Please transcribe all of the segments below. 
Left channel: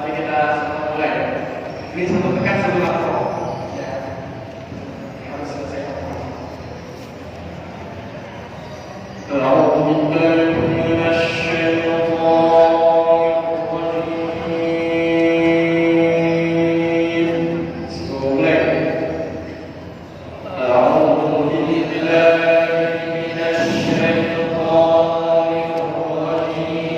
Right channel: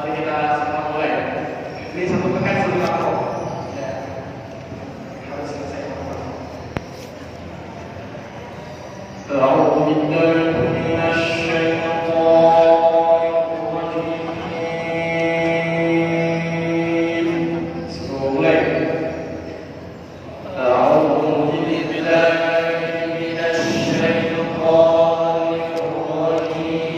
Mari kita sama mulai. Ini satu pekan satu makro. Ya. Harus selesai. أعوذ بالله من الشيطان الرجيم. Mulai. أعوذ بالله من الشيطان الرجيم.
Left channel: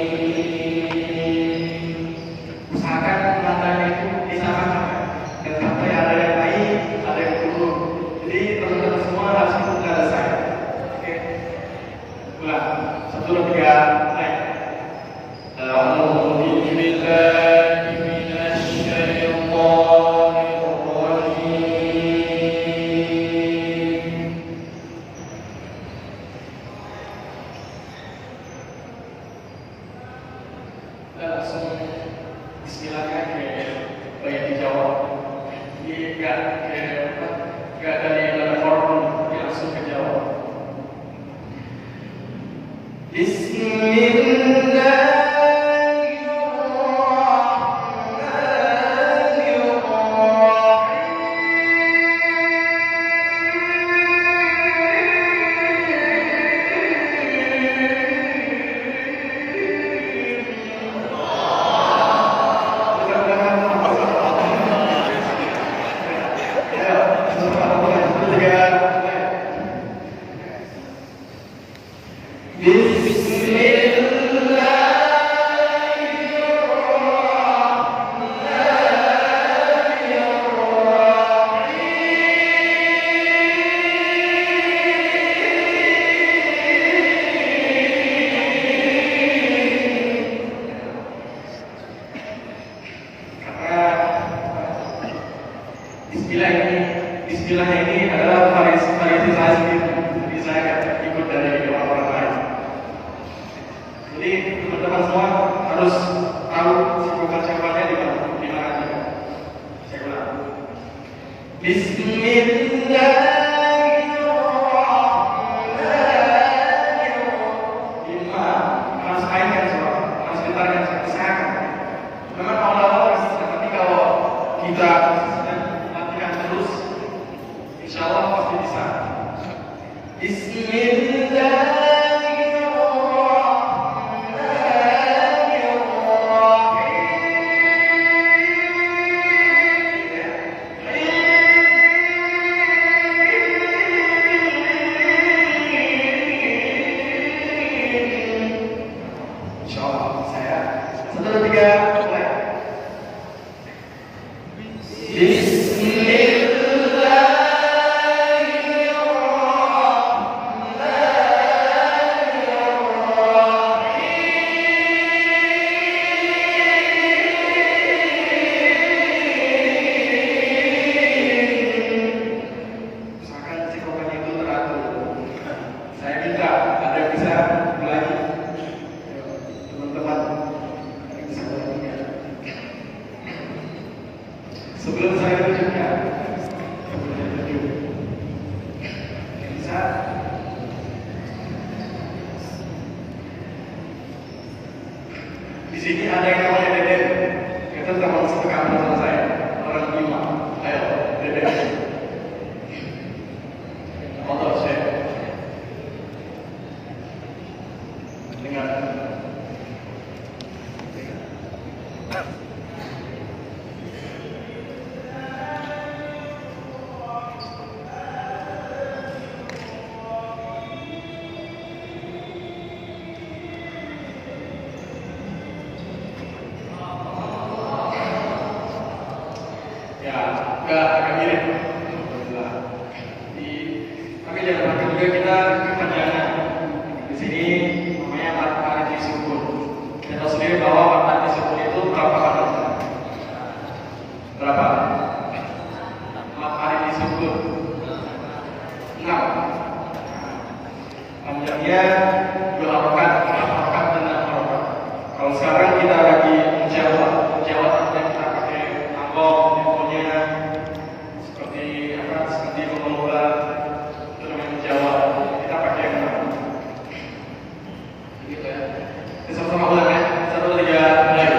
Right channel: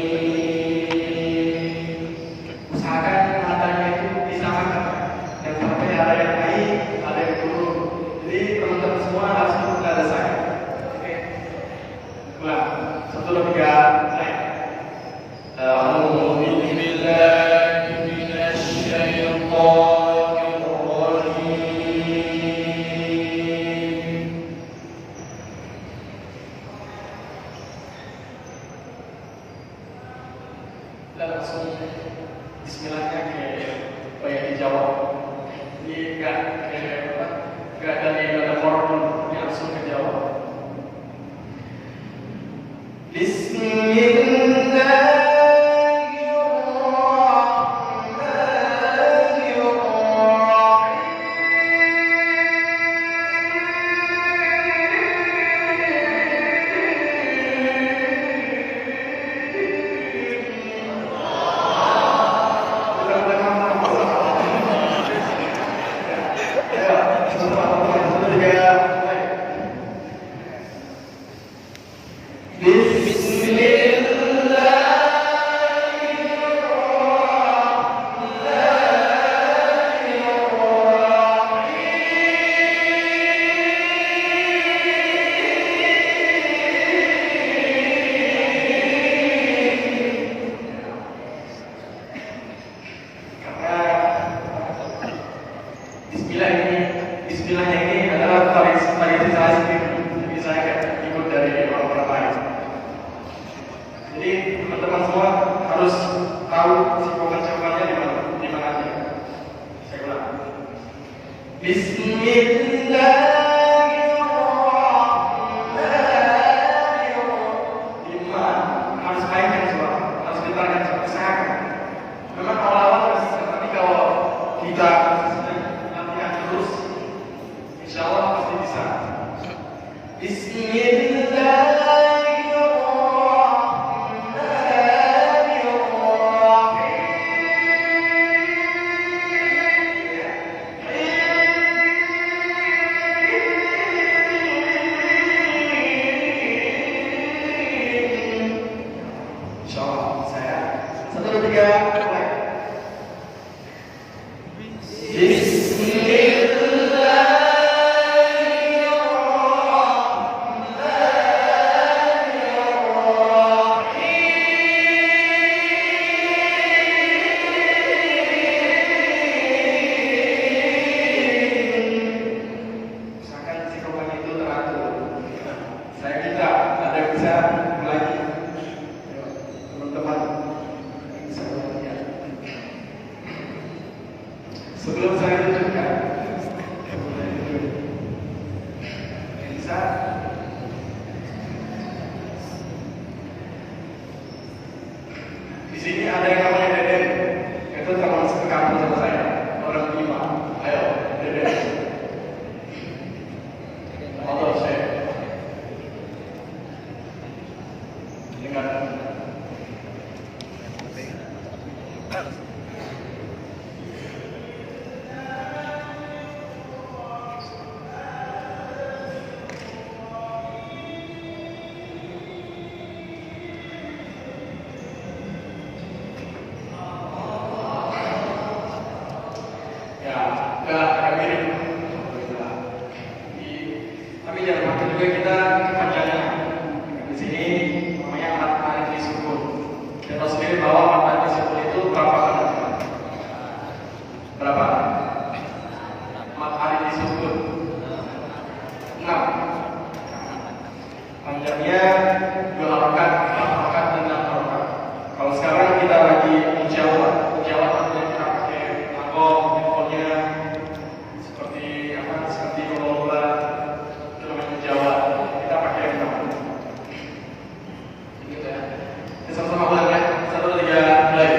Usahakan penataannya itu disamakan. Dan sampai ada yang baik, ada yang buruk. Jadi teman-teman semua harus menyelesaikan. Satu dua tiga, naik. A'udzu billahi minasy syaithanir rajim. Kita langsung bismillahnya kayak dijawab. Ini nggak ada ibadah formal, langsung dijawab. Bismillah ini adalah variasi jadi saya ikut dari orang-orang lain. Jadi teman-teman semua harus tahu sequel ucapannya di mana dia. Saya ulang. Bismillahirrahmanirrahim. Harus mainkan soal, harus ditarget usahakan. Memang awal-awal bisa, tapi kalau kita latihan terus, insya Allah pasti bisa. Bismillahirrahmanirrahim. Insya Allah saya 1, 2, 3 mulai. Sebelum saya tunjukkan, bisa. Di sini ada yang namanya Deden. Itu termasuk kamu sama saya, orang 5. Ayo, Deden. Motor saya. Dengan agak mirip. Tapi jangan lupa juga kita kepadanya. Di sini namanya matahari disukun. Kita tahu sendiri bahwa matahari disukun itu berapa kali? Berapa? Matahari disukun 6. Panjangnya 2 harokat, 4 harokat dan 6 harokat. Kalau sekarang kita lagi menjawab artinya kita pakai agong, pokoknya seperti lomba itu namanya menjawab. Kita pakai yang baru. Gitu ya. Kita sama-sama ulang ya. 1, 2, 3 mulai.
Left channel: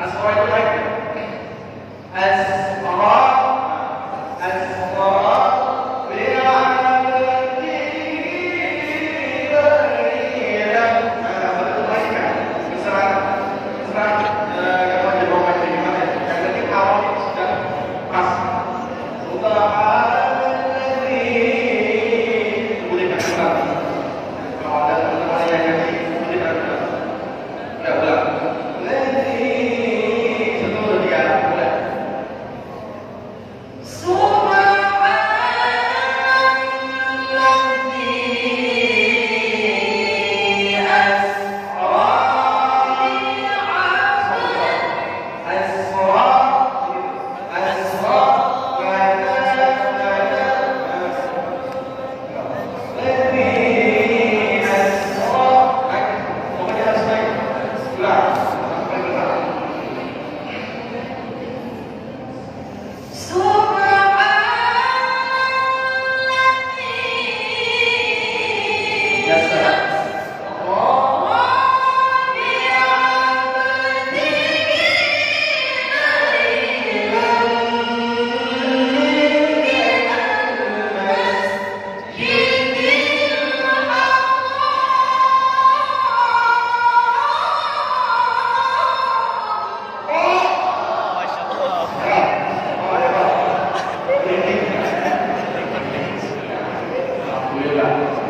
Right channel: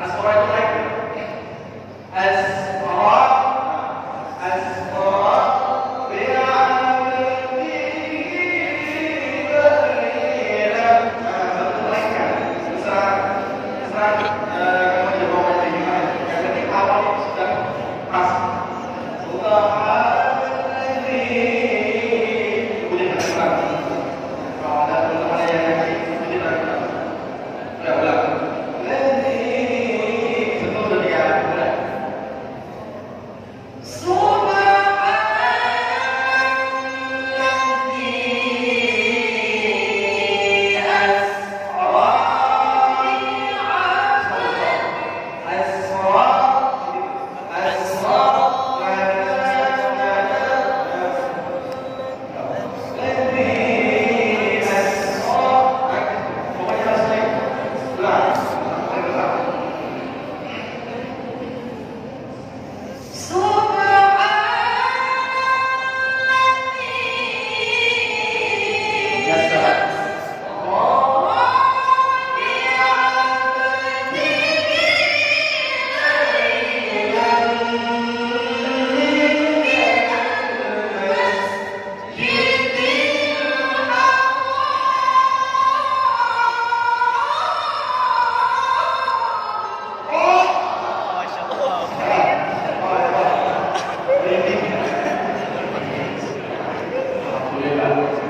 Asqara itu naik. Asqara, asqara,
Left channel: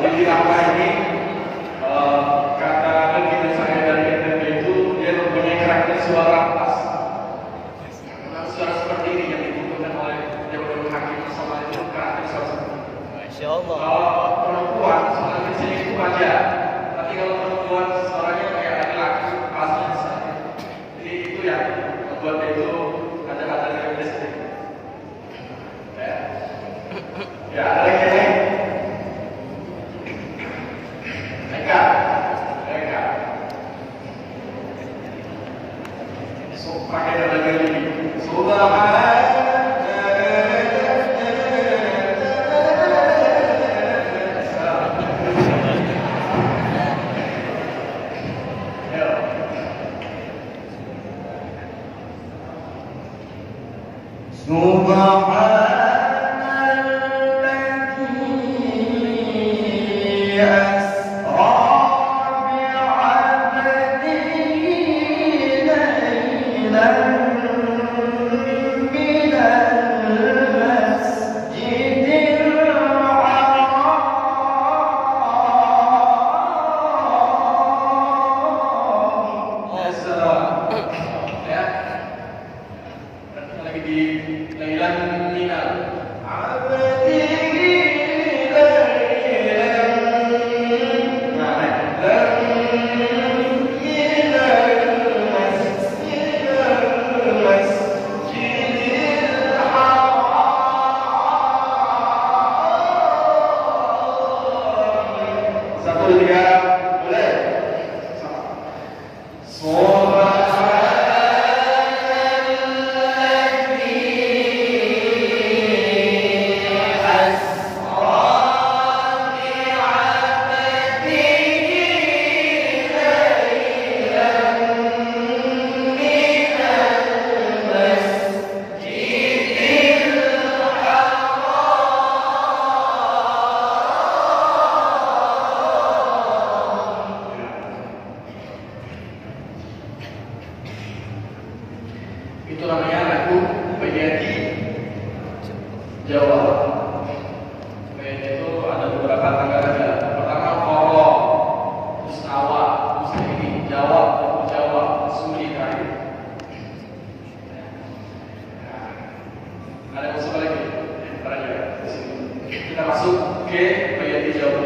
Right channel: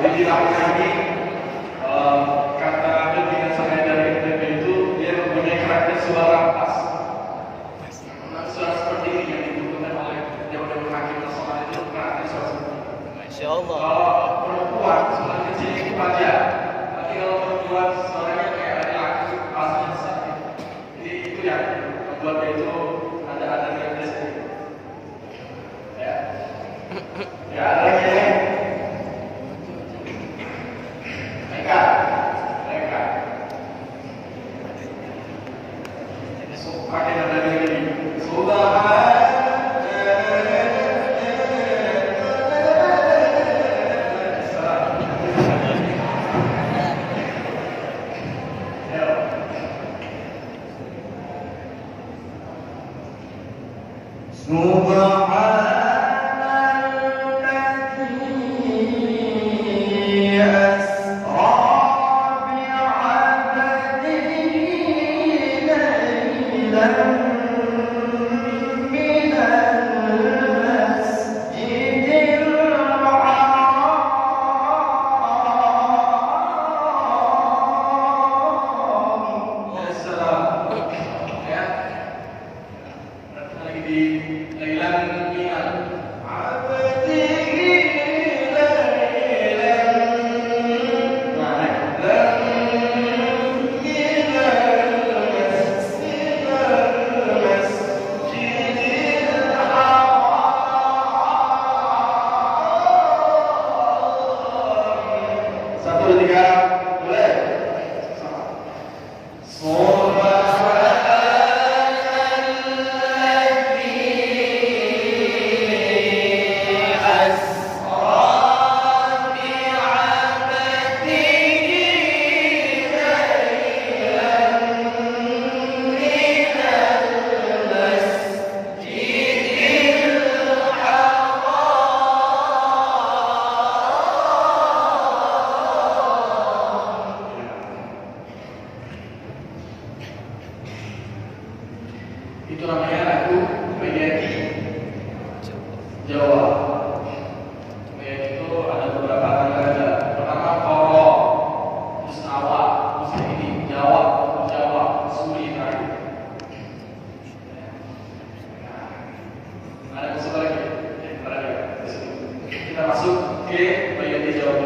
Jadi langkah ini kata pembina saya dari NTB itu dia mempunyai karakter suara pas. Suara seperti ini yang dibutuhkan oleh Dewan Hakim Nasional itu karakter suara seperti ini. Masya Allah. Kalau perempuan suara kecil itu wajar, tapi kalau perempuan suaranya kayak laki-laki pasnya sekali. Jadi itu yang membuat dia itu ada yang sedikit. Ya ada lagi yang lain. Mereka pakai nada gini. Itu namanya lagu Bayati Jawa. Bayati itu ada beberapa tanggal aja. Pertama Koro, terus Awak, terus ini Jawa, Suri, Hari. Ada musuh lagi? Kita masuk ke Bayati Jawa.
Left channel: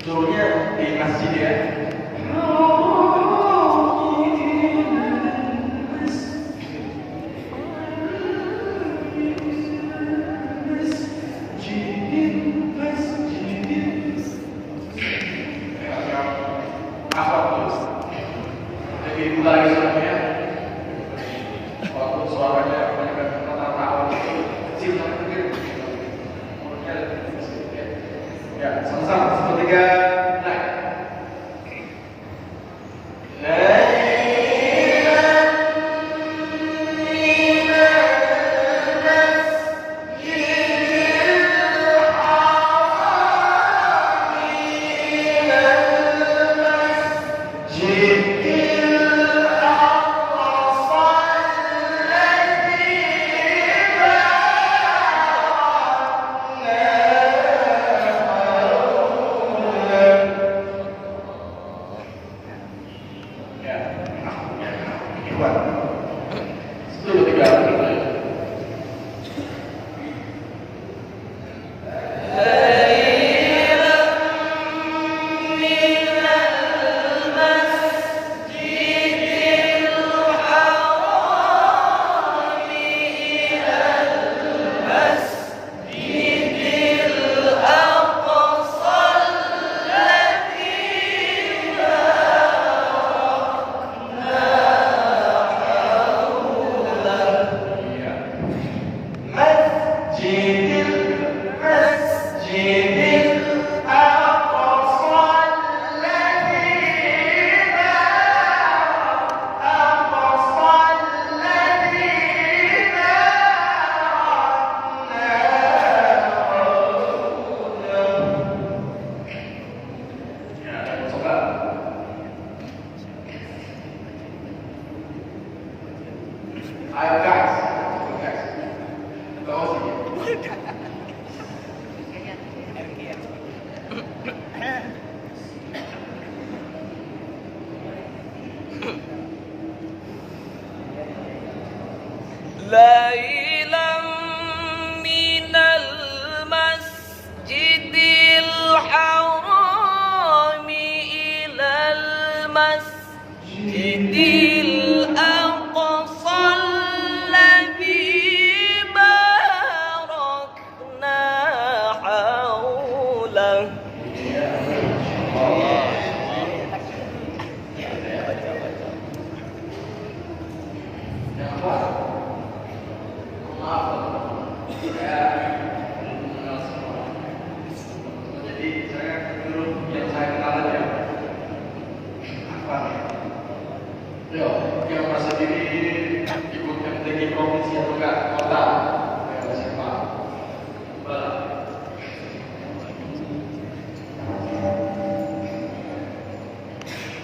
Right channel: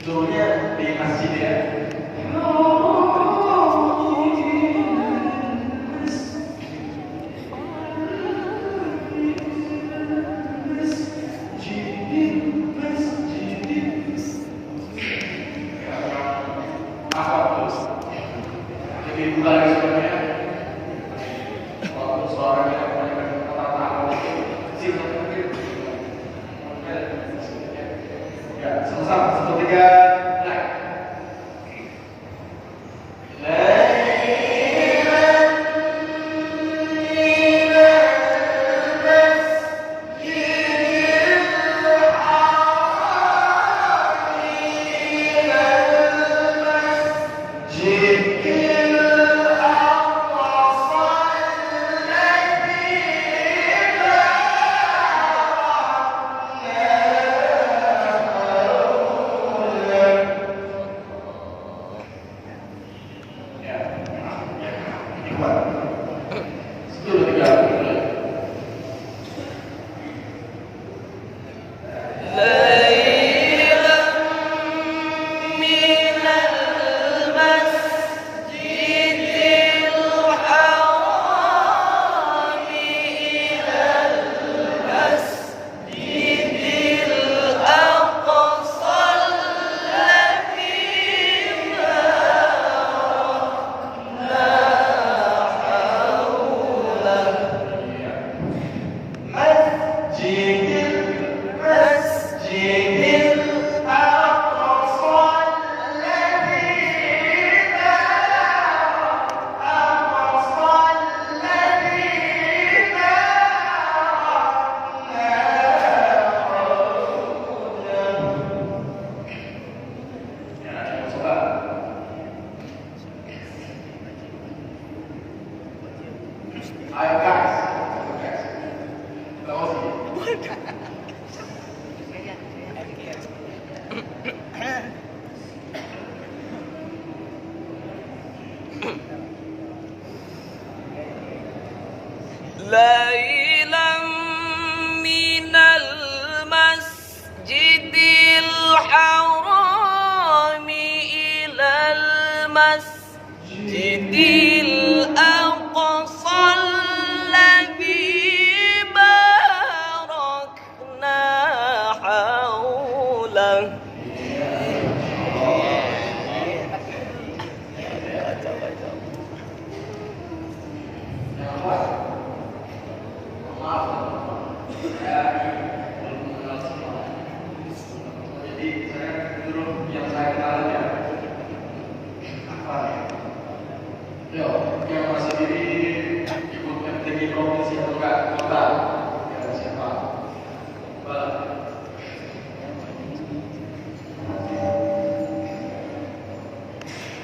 Turunnya di masjid ya. Lebih buka lagi suaranya. Waktu suaranya kebanyakan kata-kata kecil tapi mungkin ya sama-sama sepertiga naik. Ayo guys, kau sih. ليلا من المسجد الحرام إلى المسجد الأقصى الذي باركنا حوله. Jadi saya dulu yang saya kenal aja apa ya? Yo, yang masa diri ibu MTQ provinsi atau enggak kota? Ya siapa? Bala.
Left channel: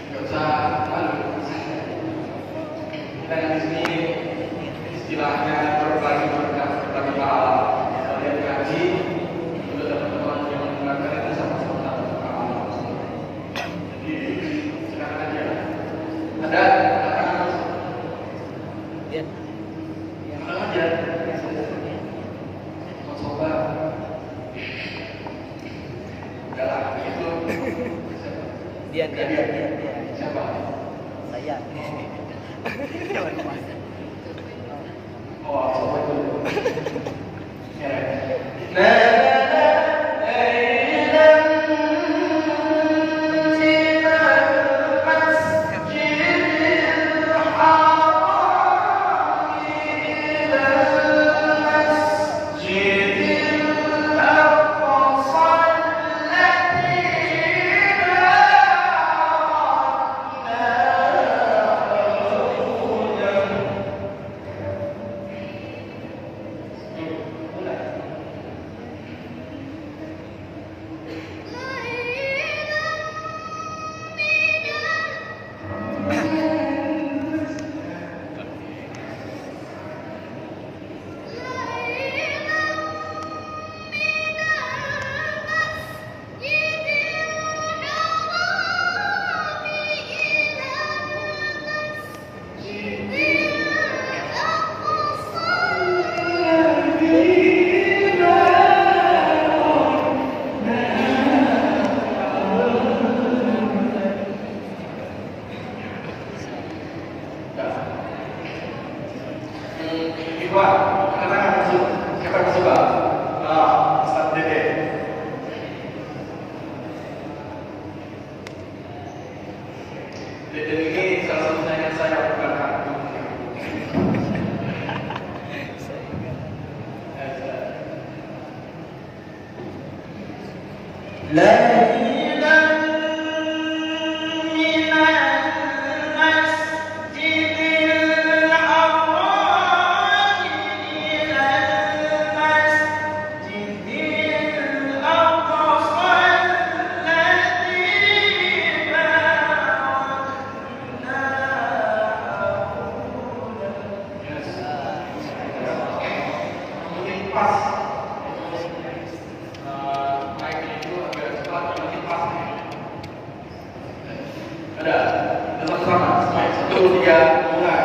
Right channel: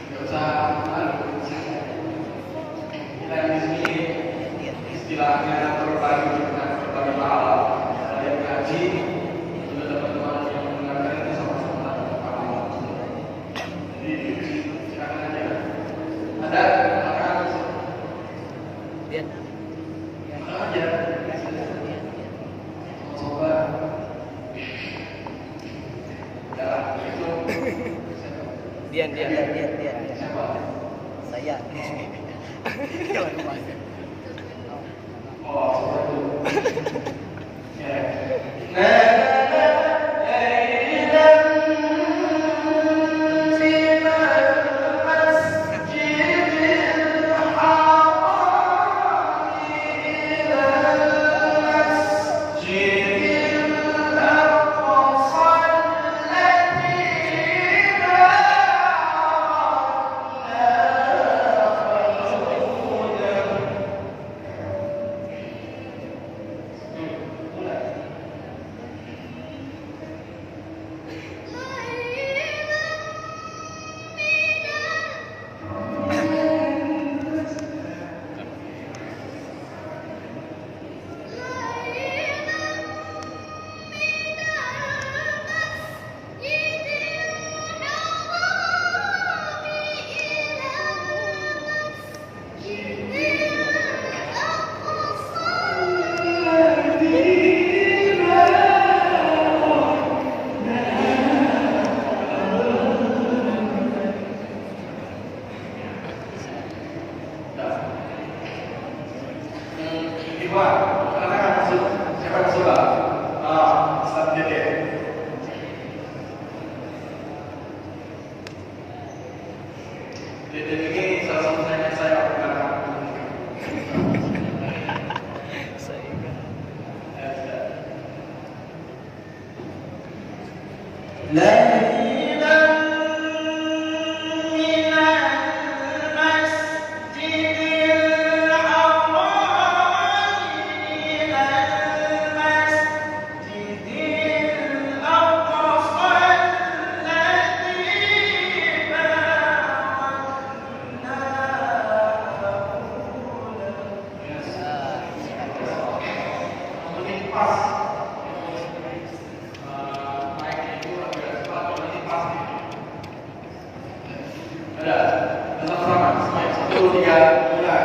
Gak usah malu. Kita di sini istilahnya berbagi pahala. Kalian ngaji juga teman-teman yang mengajar itu sama-sama pahala. Jadi silakan aja. Ada anak-anak yang aja mau coba. Udahlah itu. Dian. Siapa? Saya. Oh, coba dulu. Ya. Dan ini salah satu saya bukan aku. ليلا من المسجد الحرام إلى المسجد الأقصى الذي باركنا Penting pas. Naiknya itu agak cepat, penting pas. Ada, dalam sama, semuanya 1, 3, mulai.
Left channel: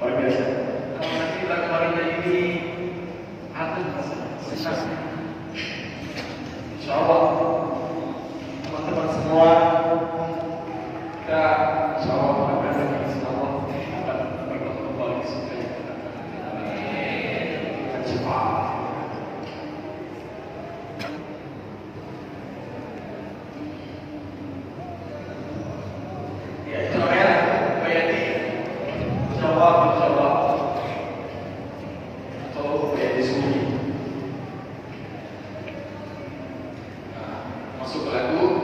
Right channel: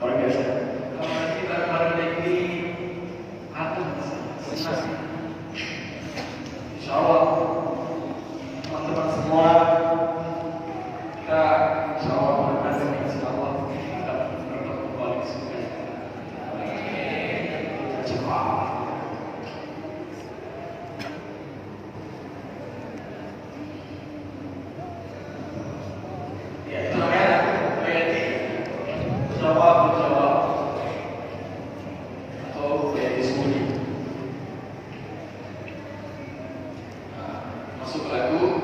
Luar biasa. Kalau nanti bareng-bareng kayak gini, adem rasanya, senang. Insya Allah, teman-teman semua, kita insya Allah akan dengan Allah kita berbuat kembali surga yang akan kita cepat. Ya, itu namanya bayati. Jawab. Atau bayati sembunyi. Nah, masuk ke lagu.